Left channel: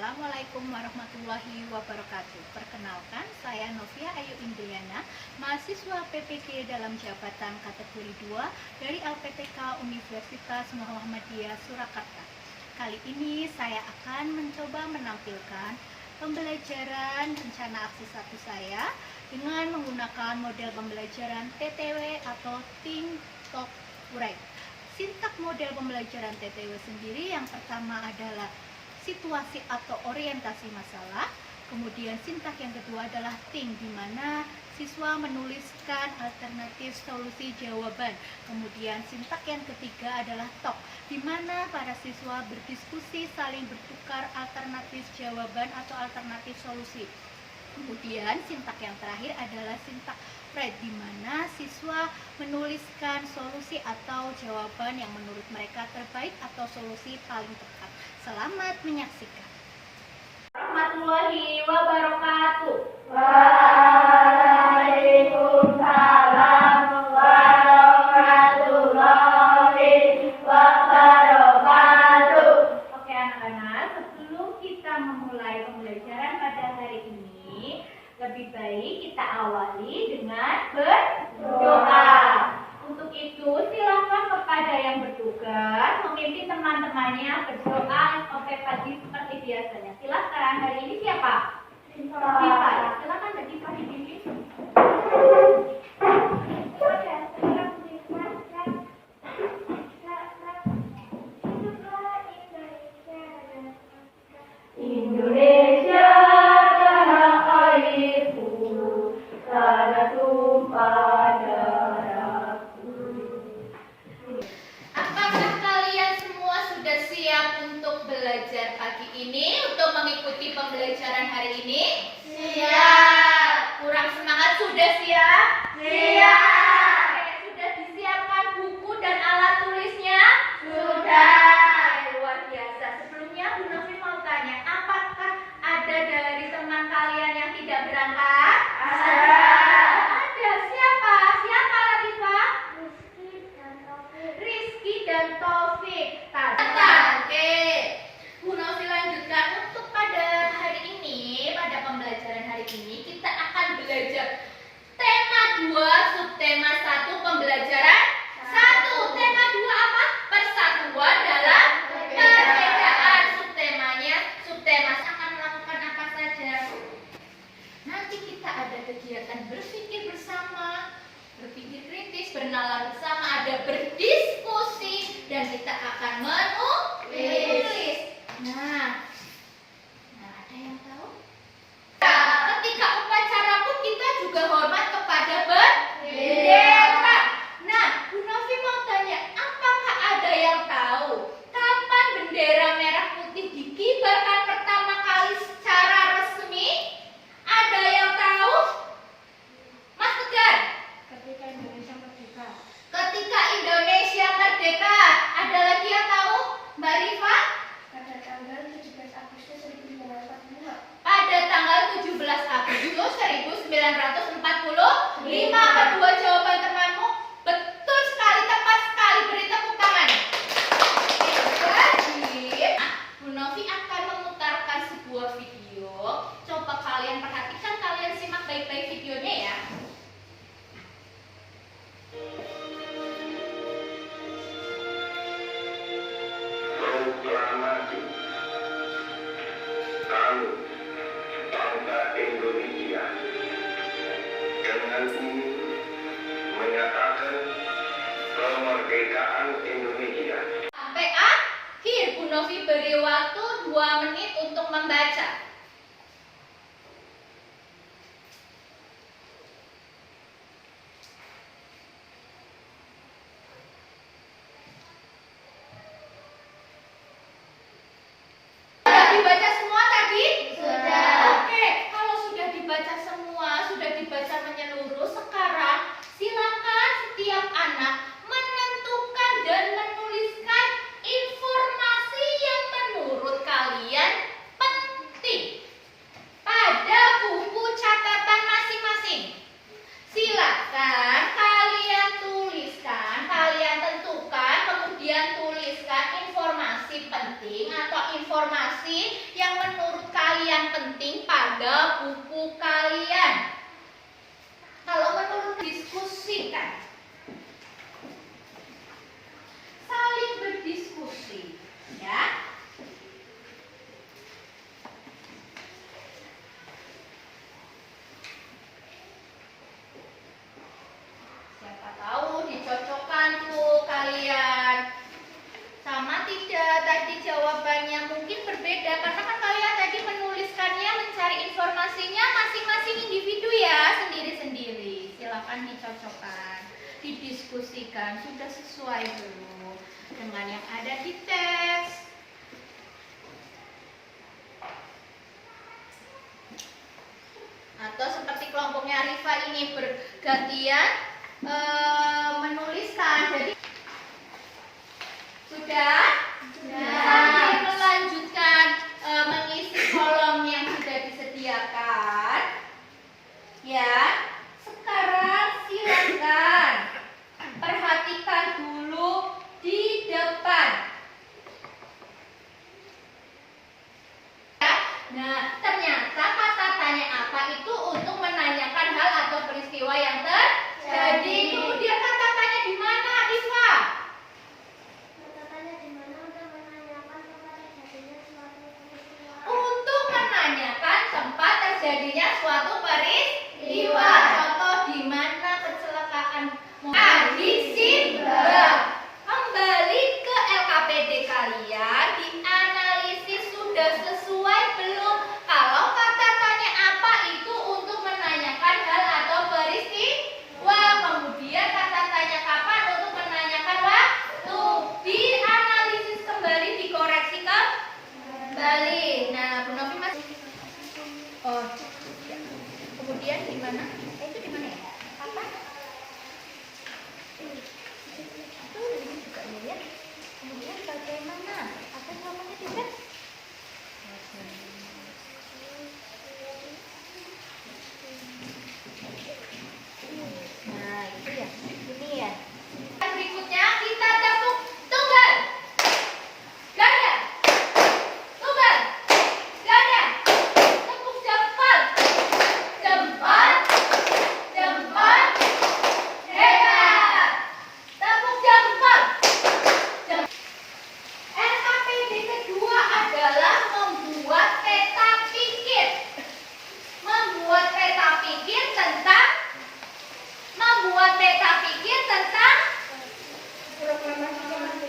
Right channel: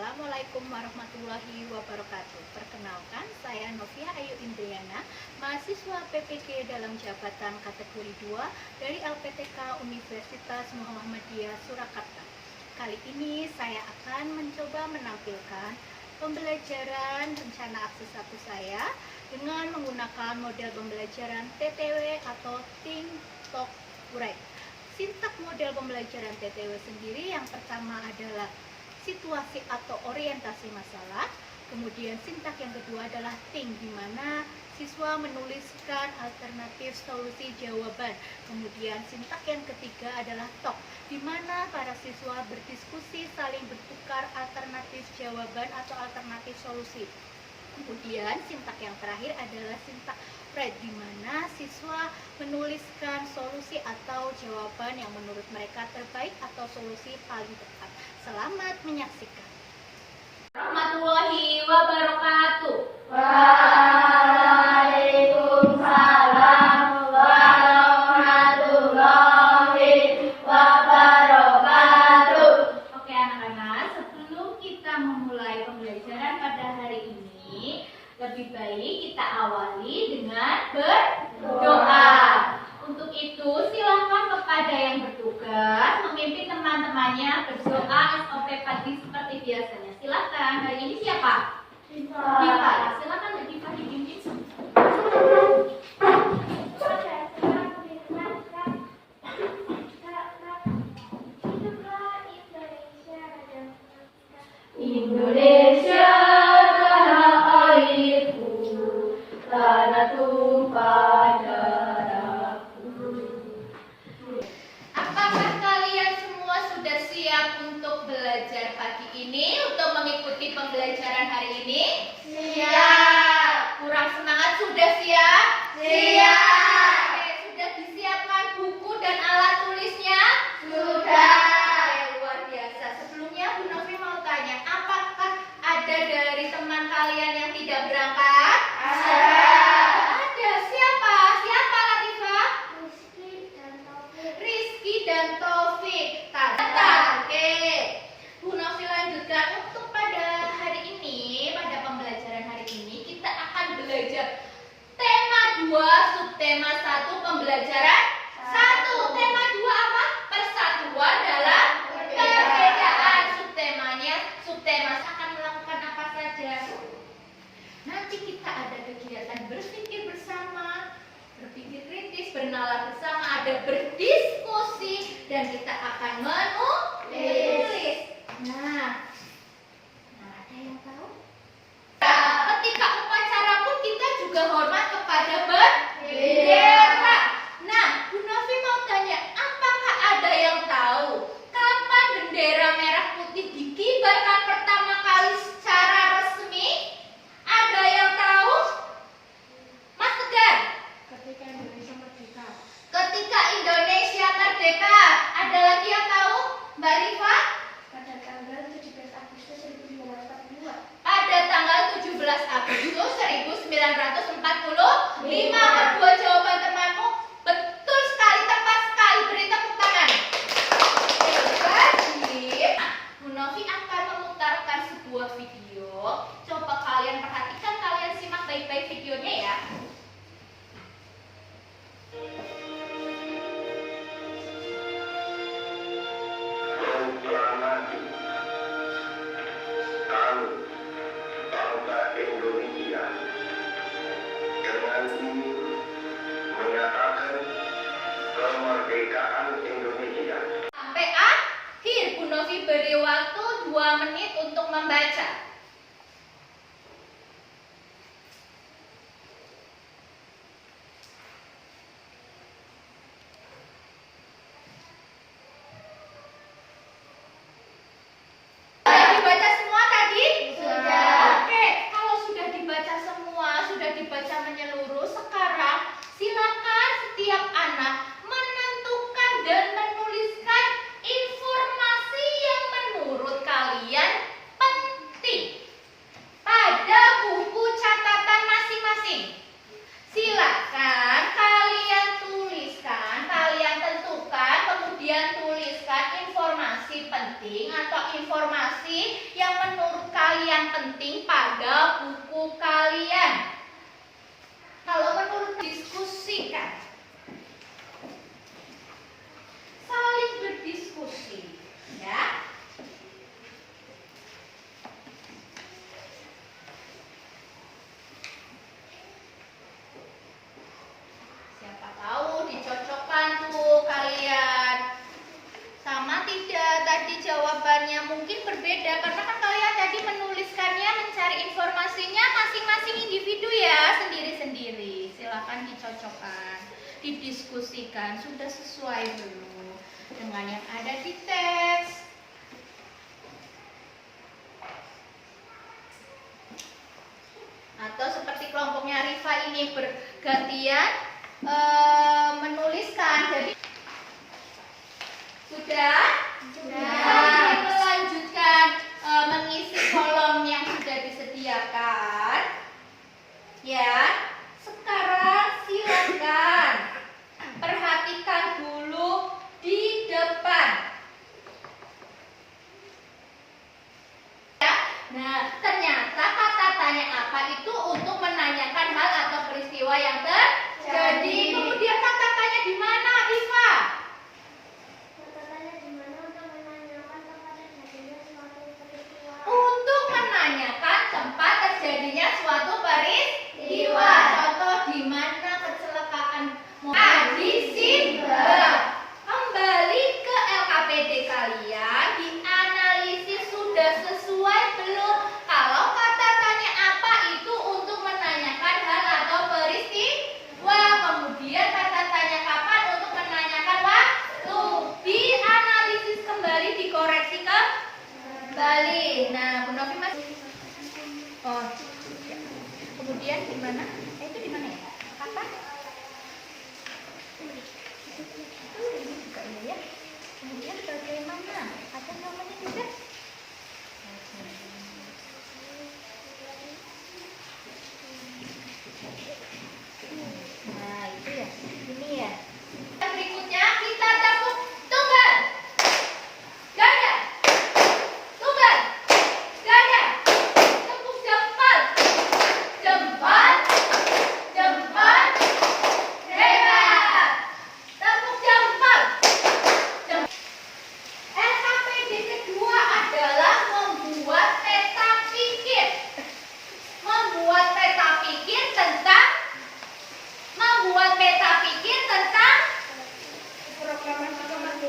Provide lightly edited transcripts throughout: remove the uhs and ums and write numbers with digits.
Assalamualaikum warahmatullahi wabarakatuh. Perkenalkan, saya Novia Ayu Indriana, mahasiswa PPG dalam jabatan kategori 2 dari LPTK Universitas Muhammadiyah Surakarta. Kali ini saya akan mencoba menampilkan pembelajaran rencana aksi 1 saya dengan menggunakan model pembelajaran TTW atau Think, Talk, Write. Sintak model pembelajaran TTW sendiri yang pertama adalah situasi atau orientasi masalah. Kemudian sintak yang kedua adalah think, di mana siswa menuliskan alternatif solusi jawaban. Kemudian sintak yang ketiga adalah talk, di mana para siswa berdiskusi saling bertukar alternatif jawaban atau alternatif solusi. Kemudian sintak yang terakhir adalah sintak write, di mana siswa menuliskan solusi atau jawaban yang menurut mereka terbaik atau solusi paling tepat. Selamat menyaksikan. Warahmatullahi wabarakatuh. Waalaikumsalam warahmatullahi wabarakatuh. Oke anak-anak, sebelum kita memulai pembelajaran pada hari ini, lebih baik kita awali dengan berdoa. Untuk itu, silakan kepada yang bertugas memimpin teman-temannya berdoa SOP pagi seperti biasanya. Silakan. Hari ini siapa? Diva. Ya, silakan Mbak Diva dipimpin. Indonesia tanah airku, tanah tumpah darahku. Apakah kalian semua sudah siap untuk belajar pagi ini, untuk mengikuti pembelajaran hari ini? Siap. Kurang semangat, sudah siap? Siap. Oke, sudah disiapkan buku dan alat tulisnya? Sudah. Luar biasa. Sebelumnya Bu Novi mau tanya, apakah ada dari teman kalian yang tidak berangkat? Ada. Ada. Siapa? Siapa Latifah? Rizky dan Taufik. Oke. Bu Novi lanjutkan, untuk pada hari ini, pada pembelajaran hari ini kita akan belajar tema 2, subtema 1, pembelajaran 1. Tema 2 apa? Persatuan dalam perbedaan. Subtema akan melakukan apa saja? Nanti kita ada kegiatan berpikir bersama, berpikir kritis, bernalar bersama, ada berdiskusi, dan kita akan menulis. Nah, ada yang tahu? Ketika upacara pun kita juga hormat kepada bendera. Nah, Bu Novi mau tanya, apakah ada yang tahu kapan bendera merah putih dikibarkan pertama kali secara resmi? Ada yang tahu? Mas Tegar? Ketika Indonesia merdeka. Ketika Indonesia merdeka. Ada lagi yang tahu? Mbak Rifa? Pada tanggal 17 Agustus 1945. Pada tanggal 17 Agustus 1945. Kedua jawaban temanmu betul sekali, tepat sekali. Beri tepuk tangan. Jadi, Bu Novi akan memutarkan sebuah video. Coba kalian perhatikan, kalian simak baik-baik videonya ya. Proklamasi kami bangsa Indonesia dengan ini menyatakan kemerdekaan Indonesia. Sampai akhir. Bu Novi beri waktu 2 menit untuk membaca. Sudah dibaca semua tadi? Sudah. Oke, kalau sudah dibaca semua, sudah dibaca menyeluruh, sekarang silakan setiap anak menentukan dan menuliskan informasi yang menurut kalian penting pada buku catatan masing-masing. Silakan kalian tuliskan, kalian tentukan, kemudian tuliskan informasi proklamasi penting atau informasi yang menurut kalian penting pada buku kalian? Kalau menurut diskusikan, saling berdiskusi, ya. Siapa tahu dicocokkan tuh kalian. Sama tidak tadi jawabannya mungkin berbeda karena kan kalian tadi menuliskannya mencari informasinya masing-masing individu ya, sendiri-sendiri. Silakan dicocokkan, didiskusikan sudah sesuai belum dengan yang ada di teks. Atau seperti kelompoknya Rifa ini bergantian menuliskan. Jadi sudah? Nah, melanjutkan mengisi kolom yang sudah disediakan. Ya, sekarang silakan perhatikan dulu di depan. Nah, ternyata kata tanya apa itu untuk menanyakan hal atau peristiwa yang terjadi. Kemudian kata tanya di mana, Iva? Untuk menanyakan tempat terjadinya suatu peristiwa. Contoh di mana kecelakaan di Simbang. Kembali ke LKPD kalian, dianalisis sudah sesuai belum? Kalau kata tanya apa itu untuk menanyakan hal atau peristiwa, kemudian kata tanya kapan untuk menanyakan waktu. Dianalisis kembali, dikoreksi kembali. Nah, Bu Novi masih. Oh, ya. Kemudian di mana? Itu di mana ya? Apa? Itu juga ya. Kemudian bagaimana? Ada jawabannya tidak? Nah, itu ya. Ini ya. Berikutnya kita tepuk tunggal. Ganda. Tunggal. Ganda. Tepuk jempol. Jempol. Jempol. Hebat. Tepuk jempol. LKPD kedua adalah membuat peta pikir. Membuat peta pikir tentang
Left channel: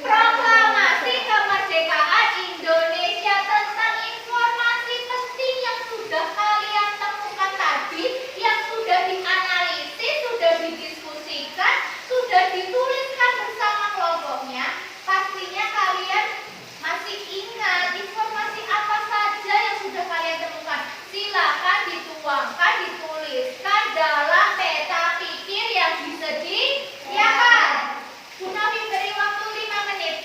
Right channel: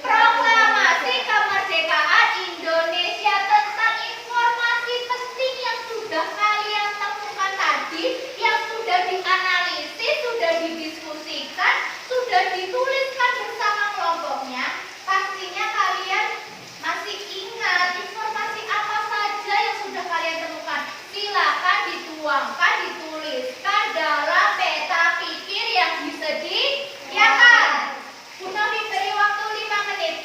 proklamasi kemerdekaan Indonesia, tentang informasi penting yang sudah kalian temukan tadi, yang sudah dianalisis, sudah didiskusikan, sudah dituliskan bersama kelompoknya. Pastinya kalian masih ingat informasi apa saja yang sudah kalian temukan. Silakan dituangkan, dituliskan dalam peta pikir yang disediakan. Bu Novi beri waktu 5 menit.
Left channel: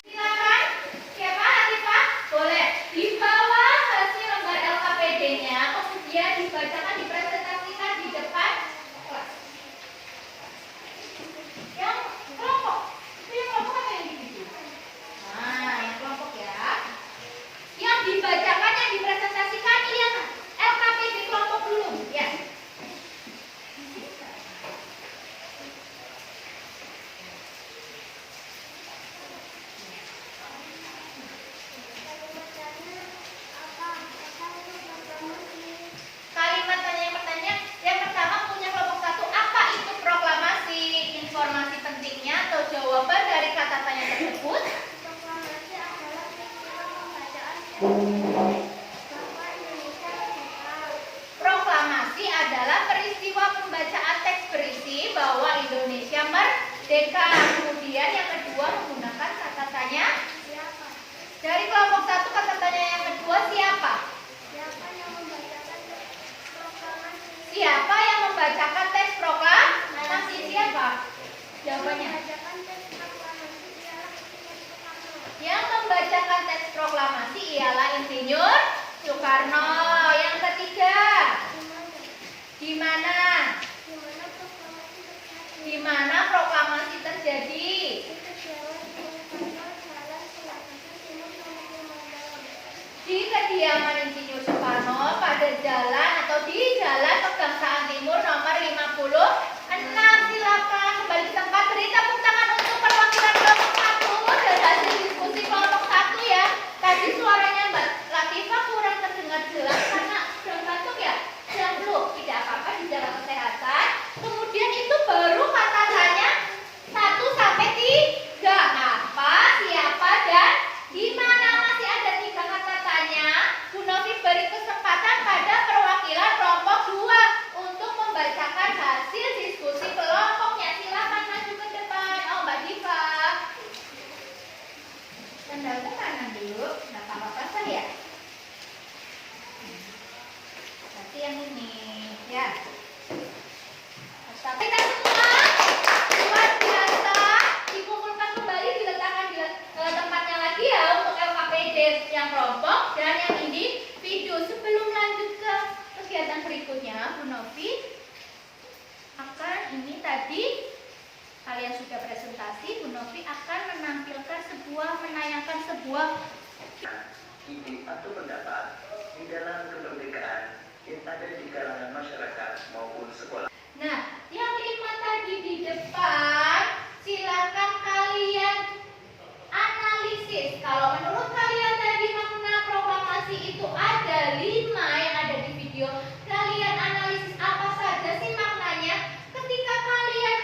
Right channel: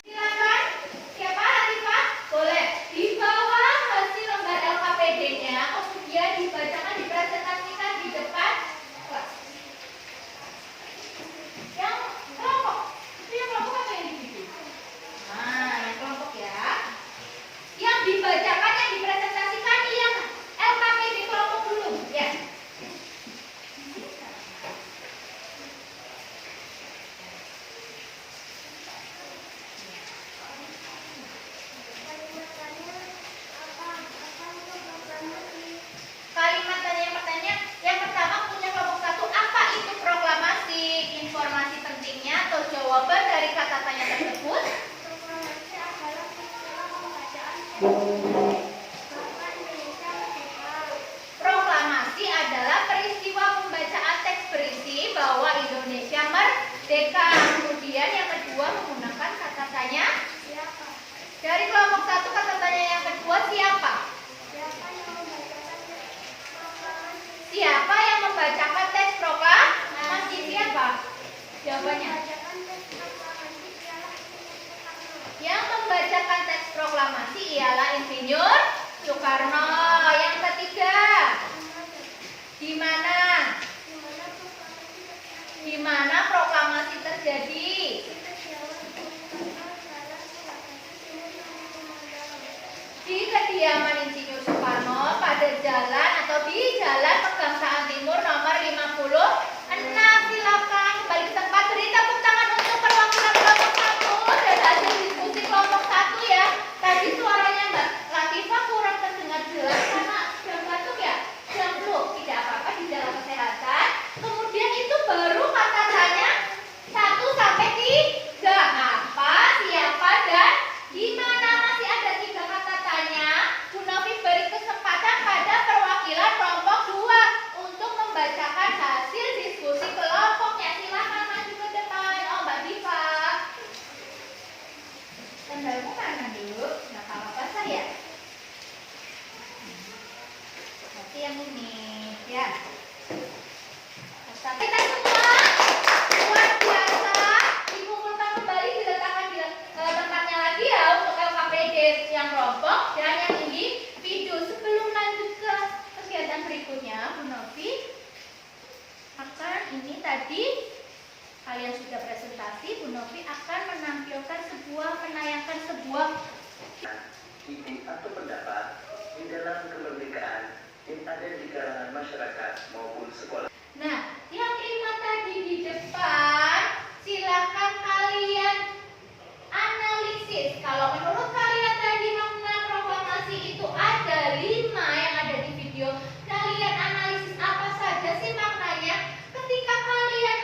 Silakan. Siapa Hanifah? Boleh. Di bawah hasil lembar LKPD-nya, kemudian dibacakan, dipresentasikan di depan kelas. Yang kelompok. Itu yang kelompok apa yang individu? Nah, yang kelompok ya. Yang dibacakan, yang dipresentasikan yang LKPD kelompok belum. Ya. Kalimat tanya yang pertama punya kelompok 1, apa itu proklamasi? Informasi pentingnya atau jawaban dari kata tanya tersebut? Proklamasi adalah peristiwa pembacaan bahwa Indonesia merdeka. Proklamasi adalah peristiwa pembacaan teks berisi bahwa Indonesia merdeka. Kemudian yang kedua menggunakan kata tanya. Siapa? Dari kelompok 1 kata tanya yang kedua siapa? Siapa yang membacakan proklamasi? Siapa yang membacakan teks proklamasi? Siapa? Jawabannya. Membacakan teks proklamasi ialah Insinyur Soekarno. Yang membacakan teks proklamasi ialah Insinyur Soekarno. Yang ketiga, Di mana? di mana? Di mana proklamasi terjadi? Di mana proklamasi terjadi? Di kediaman Insinyur Soekarno pada jalan atau di Jalan Pegangsaan Timur nomor 56. Silakan kembali ke tempat. Beri tepuk tangan untuk perwakilan kelompok 1 dan hasil diskusi kelompok 1 ya. Tadi suaranya Mbak Latifah kurang terdengar jelas karena sedang batuk ya. Sedang flu, tidak apa-apa, di dalam kesehatan. Kemudian itu baru kata tanya 1 sampai 3. Apa, siapa, dan di mana. Masih ada 3 kata tanya. Bu Novi beri kesempatan pada perwakilan kelompok 2 untuk membacakan hasil diskusi kelompoknya. Silakan maju ke depan. Oh, Mbak Diva. Tandanya mana dulu? Nggak apa-apa saya. Nanti yang ini ya. Kita semua luar biasa. Dikumpulkan kembali, diletakkan di tempatnya lagi ya untuk LKPD yang kelompok dan yang individu. Sebelum lanjut ke kegiatan berikutnya, Bu Novi, maka ini tadi kalian sudah presentasi. Bu Novi akan menayangkan sebuah ide atau pendapat di dalam kemerdekaan yang ada di kalangan masyarakat maupun sekolah. Nah, yang 5 tadi di depan, silakan kalian analisis. Kalau menurut kalian tadi makna proklamasi itu ada 5 yang ada di video. Kalian analisis apa saja sih maknanya? Ketika kalian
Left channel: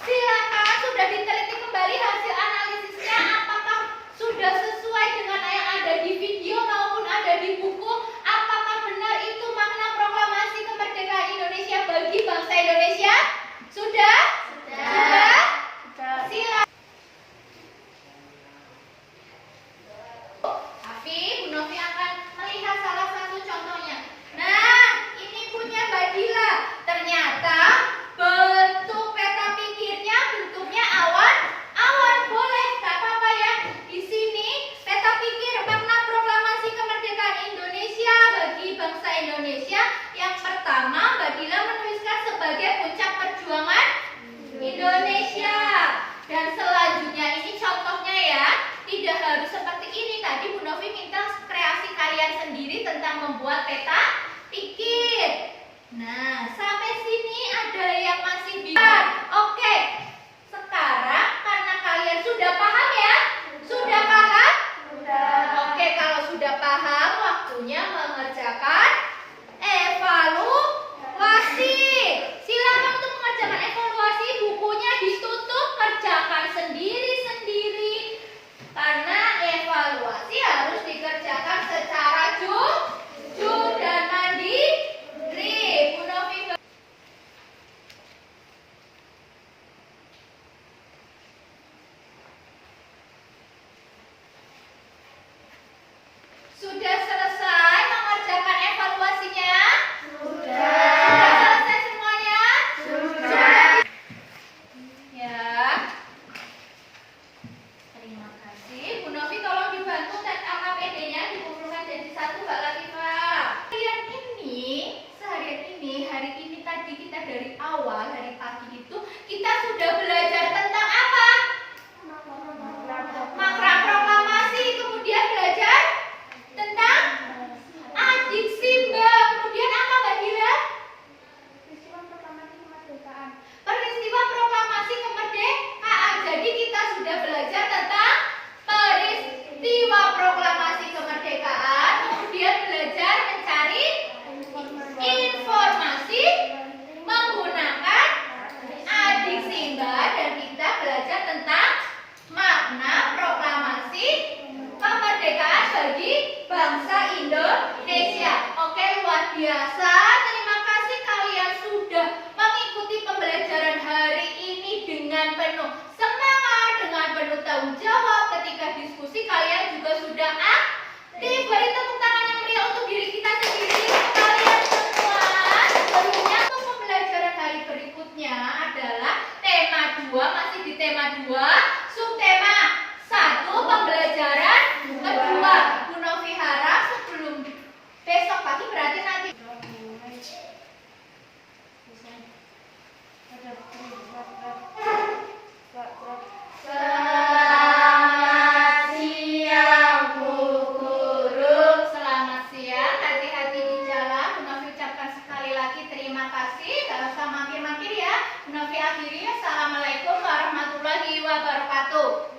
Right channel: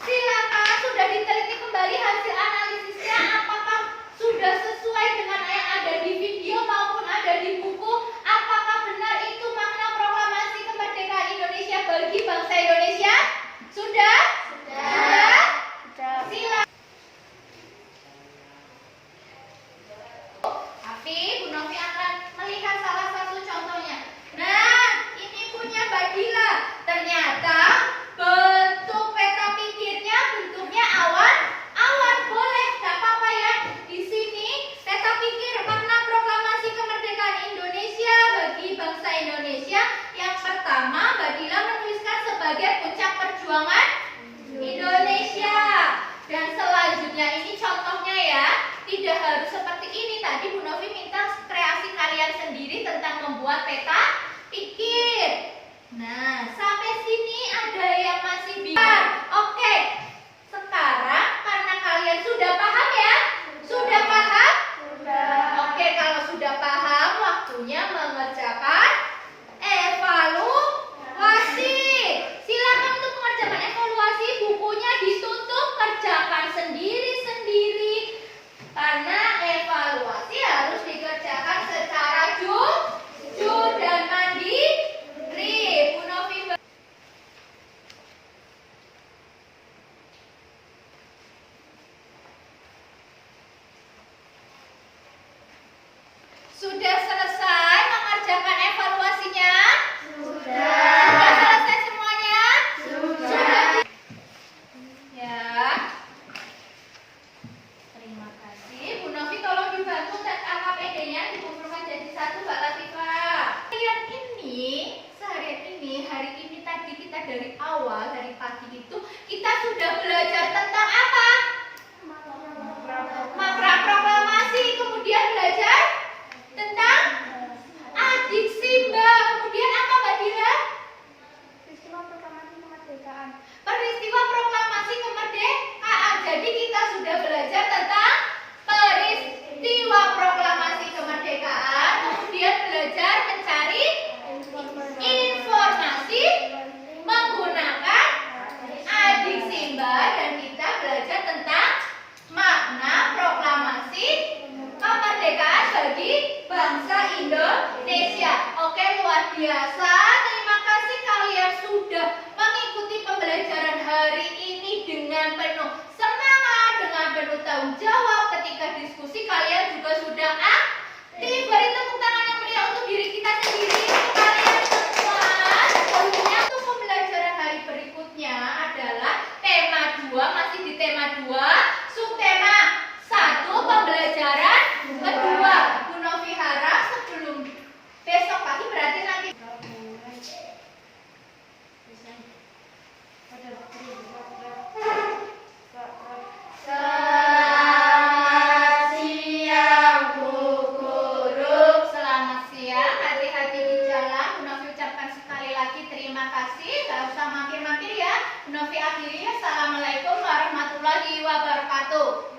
silakan sudah diteliti kembali hasil analisisnya, apakah sudah sesuai dengan yang ada di video maupun ada di buku? Apakah benar itu makna proklamasi kemerdekaan Indonesia bagi bangsa Indonesia? Sudah? Sudah? Silakan. Tapi Bu Novi akan melihat salah satu contohnya. Nah, ini punya Mbak Dila. Ternyata bentuk peta pikirnya bentuknya awan. Boleh, nggak apa-apa ya. Di sini peta pikir makna proklamasi kemerdekaan Indonesia bagi bangsa Indonesia. Yang pertama, Mbak Dila menuliskan sebagai puncak perjuangan Indonesia. Dan selanjutnya ini contohnya ya. Tidak harus seperti ini. Tadi Bu Novi minta kreasi kalian sendiri tentang membuat peta pikir. Nah, sampai sini ada yang masih bingung. Oke, sekarang karena kalian sudah paham ya? Sudah paham? Sudah. Oke, kalau sudah paham, waktunya mengerjakan evaluasi. Silakan untuk mengerjakan evaluasi. Bukunya ditutup, kerjakan sendiri-sendiri. Karena evaluasi harus dikerjakan secara jujur dan mandiri. Bu Novi sudah selesai mengerjakan evaluasinya? Sudah. Sudah selesai semuanya? Sudah. Ya. Terima kasih. Bu Novi tolong dibantu tes AKPD-nya dikumpulkan jadi 1 Mbak Latifah. Seharian ini, hari ini tadi kita dari awal, dari pagi itu kita sudah belajar tentang apa? Makna proklamasi. Kemudian belajar tentang adik Simba. Kemudian apa Mbak Dila? Peristiwa proklamasi kemerdekaan. Jadi kita sudah belajar tentang peristiwa proklamasi kemerdekaan. Kemudian belajar mencari informasi menggunakan adik Simba. Dan kita belajar tentang makna proklamasi kemerdekaan bagi bangsa Indonesia. Oke, luar biasa. Terima kasih kalian sudah mengikuti pembelajaran hari ini dengan penuh semangat, dengan penuh tanggung jawab. Ketika diskusi kalian juga sudah aktif. Beri tepuk tangan yang meriah untuk diri kita sendiri, untuk kalian semua. Selanjutnya untuk pembelajaran hari berikutnya adalah tema 2, masih di tema 2, subtema 1, pembelajaran kedua. Bu Novi harap sebelum besok pagi, berarti nanti Ada nggak usah makin-makin ya. Novi akhiri, assalamualaikum warahmatullahi wabarakatuh.